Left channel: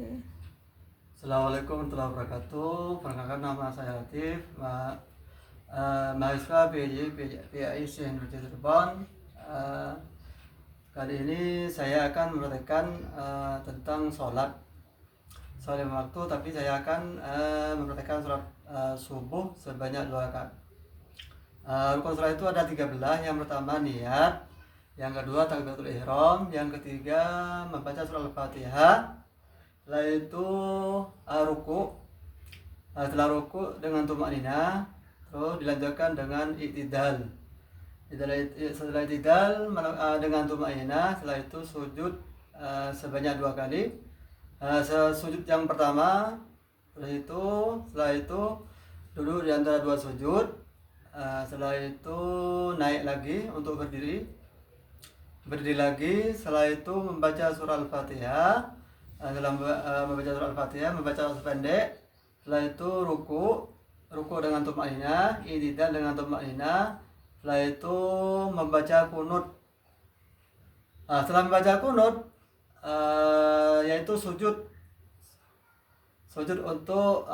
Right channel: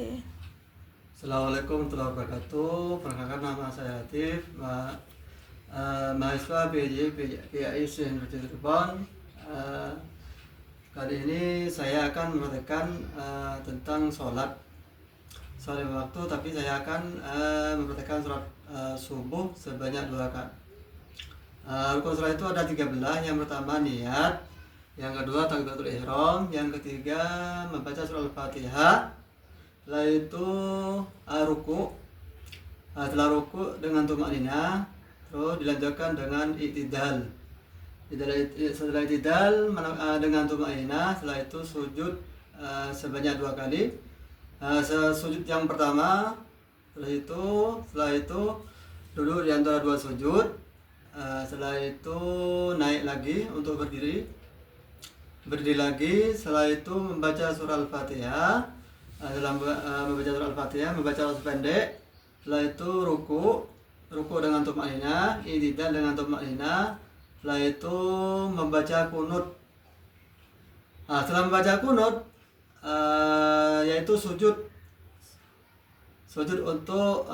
Oke. Assalamualaikum warahmatullahi wabarakatuh. Perkenalkan nama saya Latif, mahasiswa PJI Syekh Cirebon. Kali ini saya akan menerangkan tentang sholat lima waktu, tapi saya akan mempraktekkan sholat subuh sebanyak 2 rakaat. Rukun sholat itu ada 13. Yang pertama niat, yang kedua takbiratul ihram, yang ketiga membaca surah Al-Fatihah. Setelah itu ruku. Setelah ruku dengan tumakninah, terus dilanjutkan dengan i'tidal. Setelah i'tidal dengan tumakninah, setelah itu sujud sebanyak 2 kali. Sujud yang pertama, setelah itu duduk di antara 2 sujud. Setelah itu naik lagi untuk berdiri lagi. Setelah itu membaca surah Al-Fatihah. Dalam membaca surah Al-Fatihah, membaca surah pendek. Setelah itu ruku dengan tumakninah, i'tidal dengan tumakninah. Setelah itu membaca kunut. Setelah membaca kunut, yaitu sujud untuk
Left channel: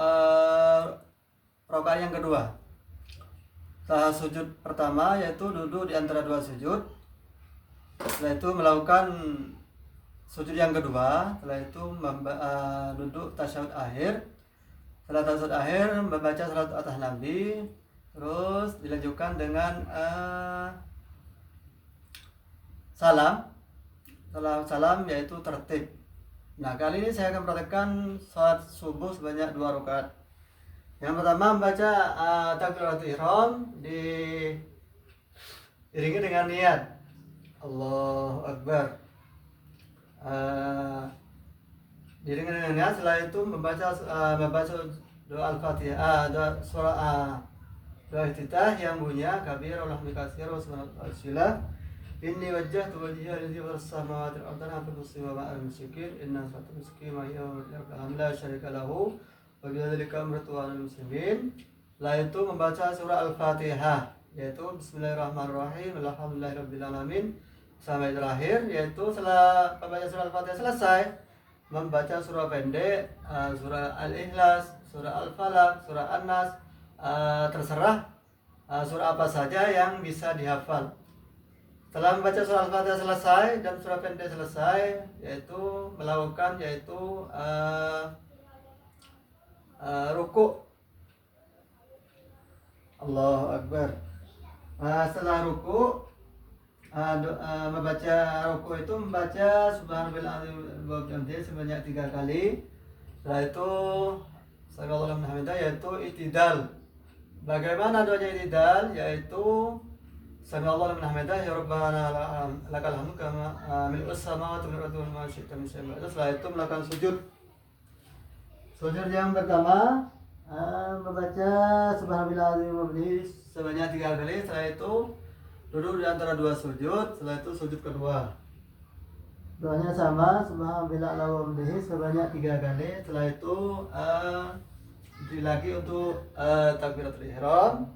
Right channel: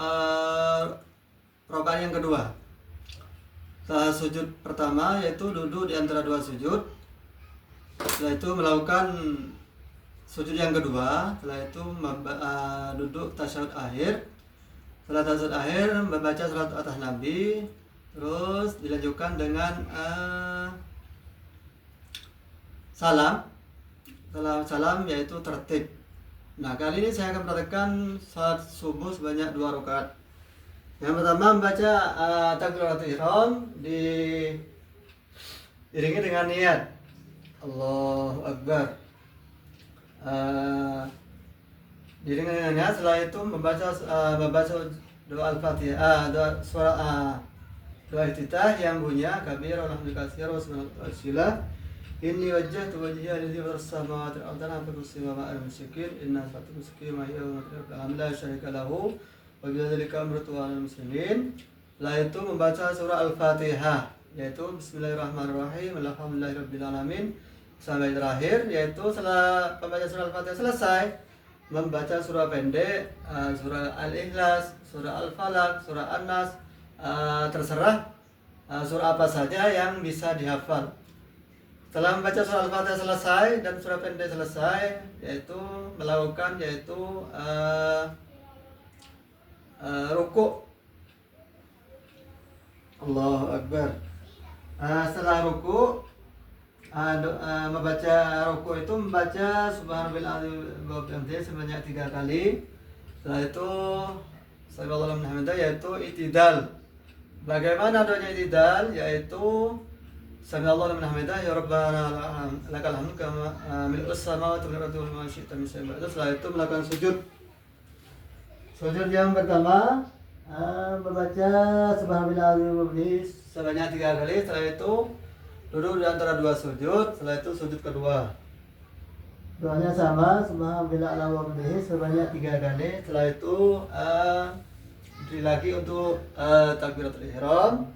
rakaat yang kedua. Setelah sujud pertama yaitu duduk di antara 2 sujud. Setelah itu melakukan sujud yang kedua. Setelah itu duduk tasyahud akhir. Setelah tasyahud akhir membaca salat atas Nabi. Terus dilanjutkan dengan salam. Setelah salam yaitu tertib. Nah, kali ini saya akan mempraktikkan salat subuh sebanyak 2 rakaat. Yang pertama membaca takbiratul ihram diiringi dengan niat Allahu Akbar. Setelah itu membaca doa Al-Fatihah, doa surah doa iftitah yang bunyinya kabir alhamdulillah wa subhanallah. Inni wajjahtu wajhiya lillazi fataras samawati wal ardi hanifan muslima wa ana musyrikin inna salati nusuki wa mahyaya wa mamati la syarika lahu wa bidzalika umirtu wa ana muslimin. Setelah itu membaca surah Al-Fatihah yaitu bismillahirrahmanirrahim alhamdulillahirabbil alamin sampai terakhir, yaitu setelah membaca surah Al-Fatihah selesai membaca surah pendek, surah Al-Ikhlas, surah Al-Falaq, surah An-Nas, terserah surah apa saja yang bisa dihafal. Setelah membaca surah Al-Fatihah selesai dan surah pendek selesai, yaitu melakukan ruku. Allahu Akbar. Setelah ruku, membaca ruku itu membaca subhanallah sebanyak 3 kali. Setelah itu sallallahu alaihi wasallam yaitu i'tidal. Bagaimana doanya i'tidal? Yaitu sallallahu alaihi wasallam ya rabbana lakal hamdu kama mil'us samawati wal ardi wa ma syi'ta min syai'in. Setelah itu melakukan sujud. Sujud yang pertama membaca subhanallah sebanyak 3 kali. Setelah itu duduk di antara 2 sujud. Setelah itu sujud kedua, doanya sama subhanallah wa bihamdihi sebanyak 3 kali. Setelah itu berdiri lagi untuk takbiratul ihram.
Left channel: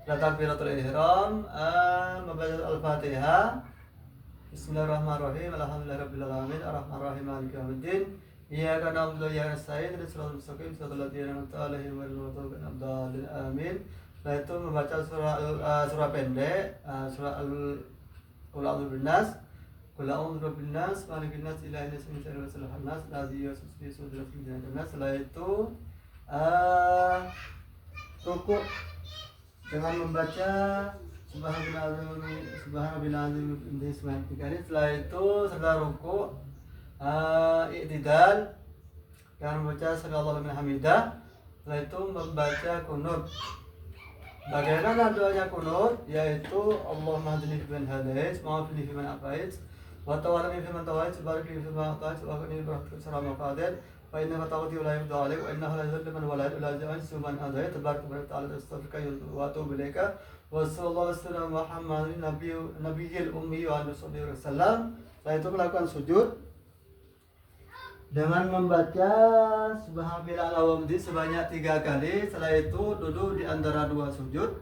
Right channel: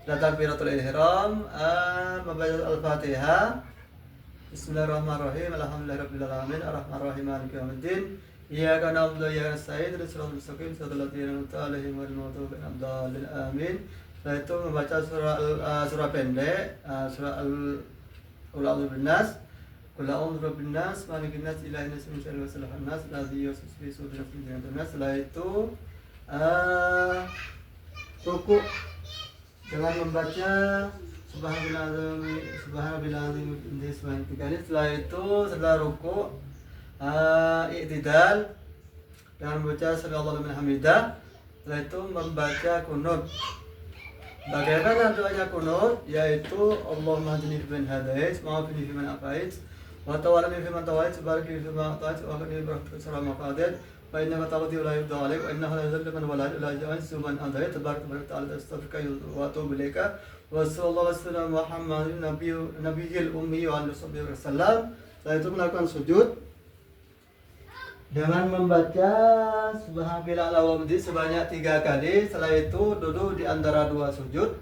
Setelah takbiratul ihram membaca Al-Fatihah, bismillahirrahmanirrahim alhamdulillahirabbil alamin arrahmanirrahim maliki yaumiddin iyyaka na'budu wa iyyaka nasta'in ihdinas mustaqim siratal ladzina an'amta 'alaihim ghairil maghdubi 'alaihim waladdallin amin. Setelah itu membaca surah pendek, surah Qul a'udzu binnas, Qul a'udzu birabbin nas, malikin nas, ilahin nas, min syarril waswasil nas, alladzi yuwaswisu fi sudurin nas. Setelah itu ruku dengan membaca subhanallah sebanyak 3 kali. Setelah itu setelah ruku i'tidal dengan membaca sallallahu alaihi hamidah. Setelah itu membaca kunut. Bagaimana doanya kunut? Yaitu Allahumma hadini fiman hadait, ma'afini fiman afait, wa tawallani fiman tawait, barik li fiman atait, wa qini bi syarri ma qadait, wa innaka taqdi wa la yuqda alayk, wa innahu la yuzillu man wala illa yu'izzu man adait, tabarak wa ta'ala astaghfiruka wa atubu ilaika. Wa sallallahu alaihi wasallam Muhammadin nabiyil ummi wa alihi wasallam. Setelah itu melakukan sujud dengan membaca subhanallah wa bihamdihi sebanyak 3 kali. Setelah itu duduk di antara 2 sujud.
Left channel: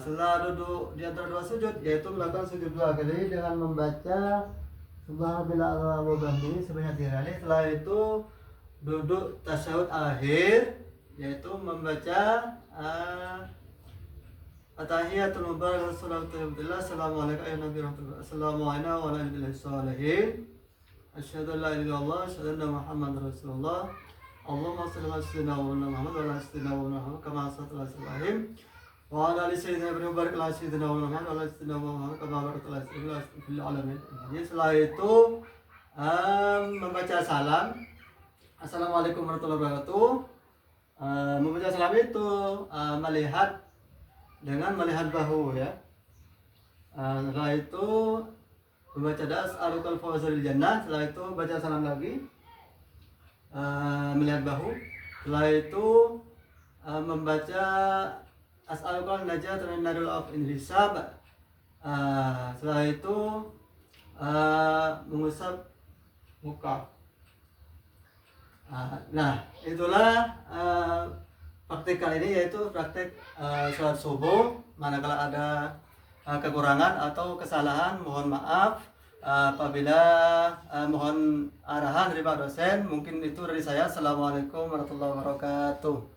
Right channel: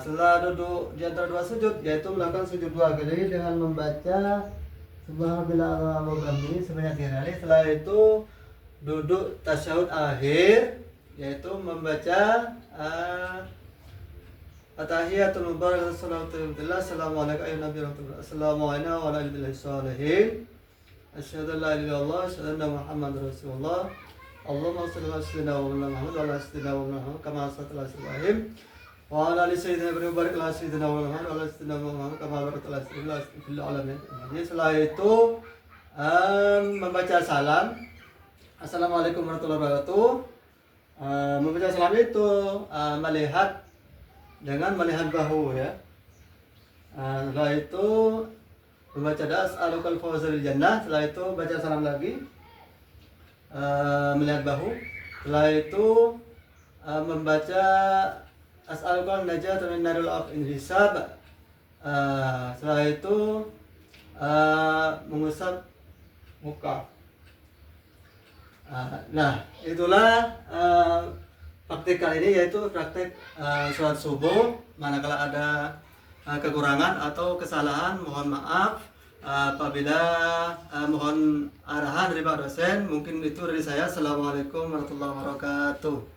Setelah duduk di antara 2 sujud yaitu melakukan sujud 2 kali dengan membaca Subhanallah wa bihamdihi sebanyak 3 kali. Setelah itu duduk tasyahud akhir, yaitu membaca At-tahiyatul mubarakatuh salawatullah assalamualaikum ayuhan nabi rahmatullah assalamualaikum wa rahmatullahi sholihin asyhadu an la ilaha illallah asyhadu anna muhammadar rasulullah Allahumma shalli ala sayyidina Muhammad wa ala sayyidina Muhammad kama sallaita ala Ibrahim wa ala ali sayyidina Ibrahim wa barik ala sayyidina Muhammad wa ala sayyidina Muhammad kama barakta ala sayyidina fil alamin. Jadi setelah itu membaca salam assalamualaikum warahmatullahi wabarakatuh. Membaca salam itu melihat dengan melihat bahu ya. Setelah itu membaca as'alukal fawza bil jannah. Setelah itu baca salam lagi, melihat bahu. Setelah itu membaca as'alukal najat min narul hisab. Setelah itu mengusap muka. Nah, itulah praktik kali ini, yaitu praktik sholat subuh. Manakala ada kekurangan atau kesalahan, mohon maaf. Apabila mohon arahan dari Pak dosen, mungkin itu dari saya. Assalamualaikum warahmatullahi wabarakatuh.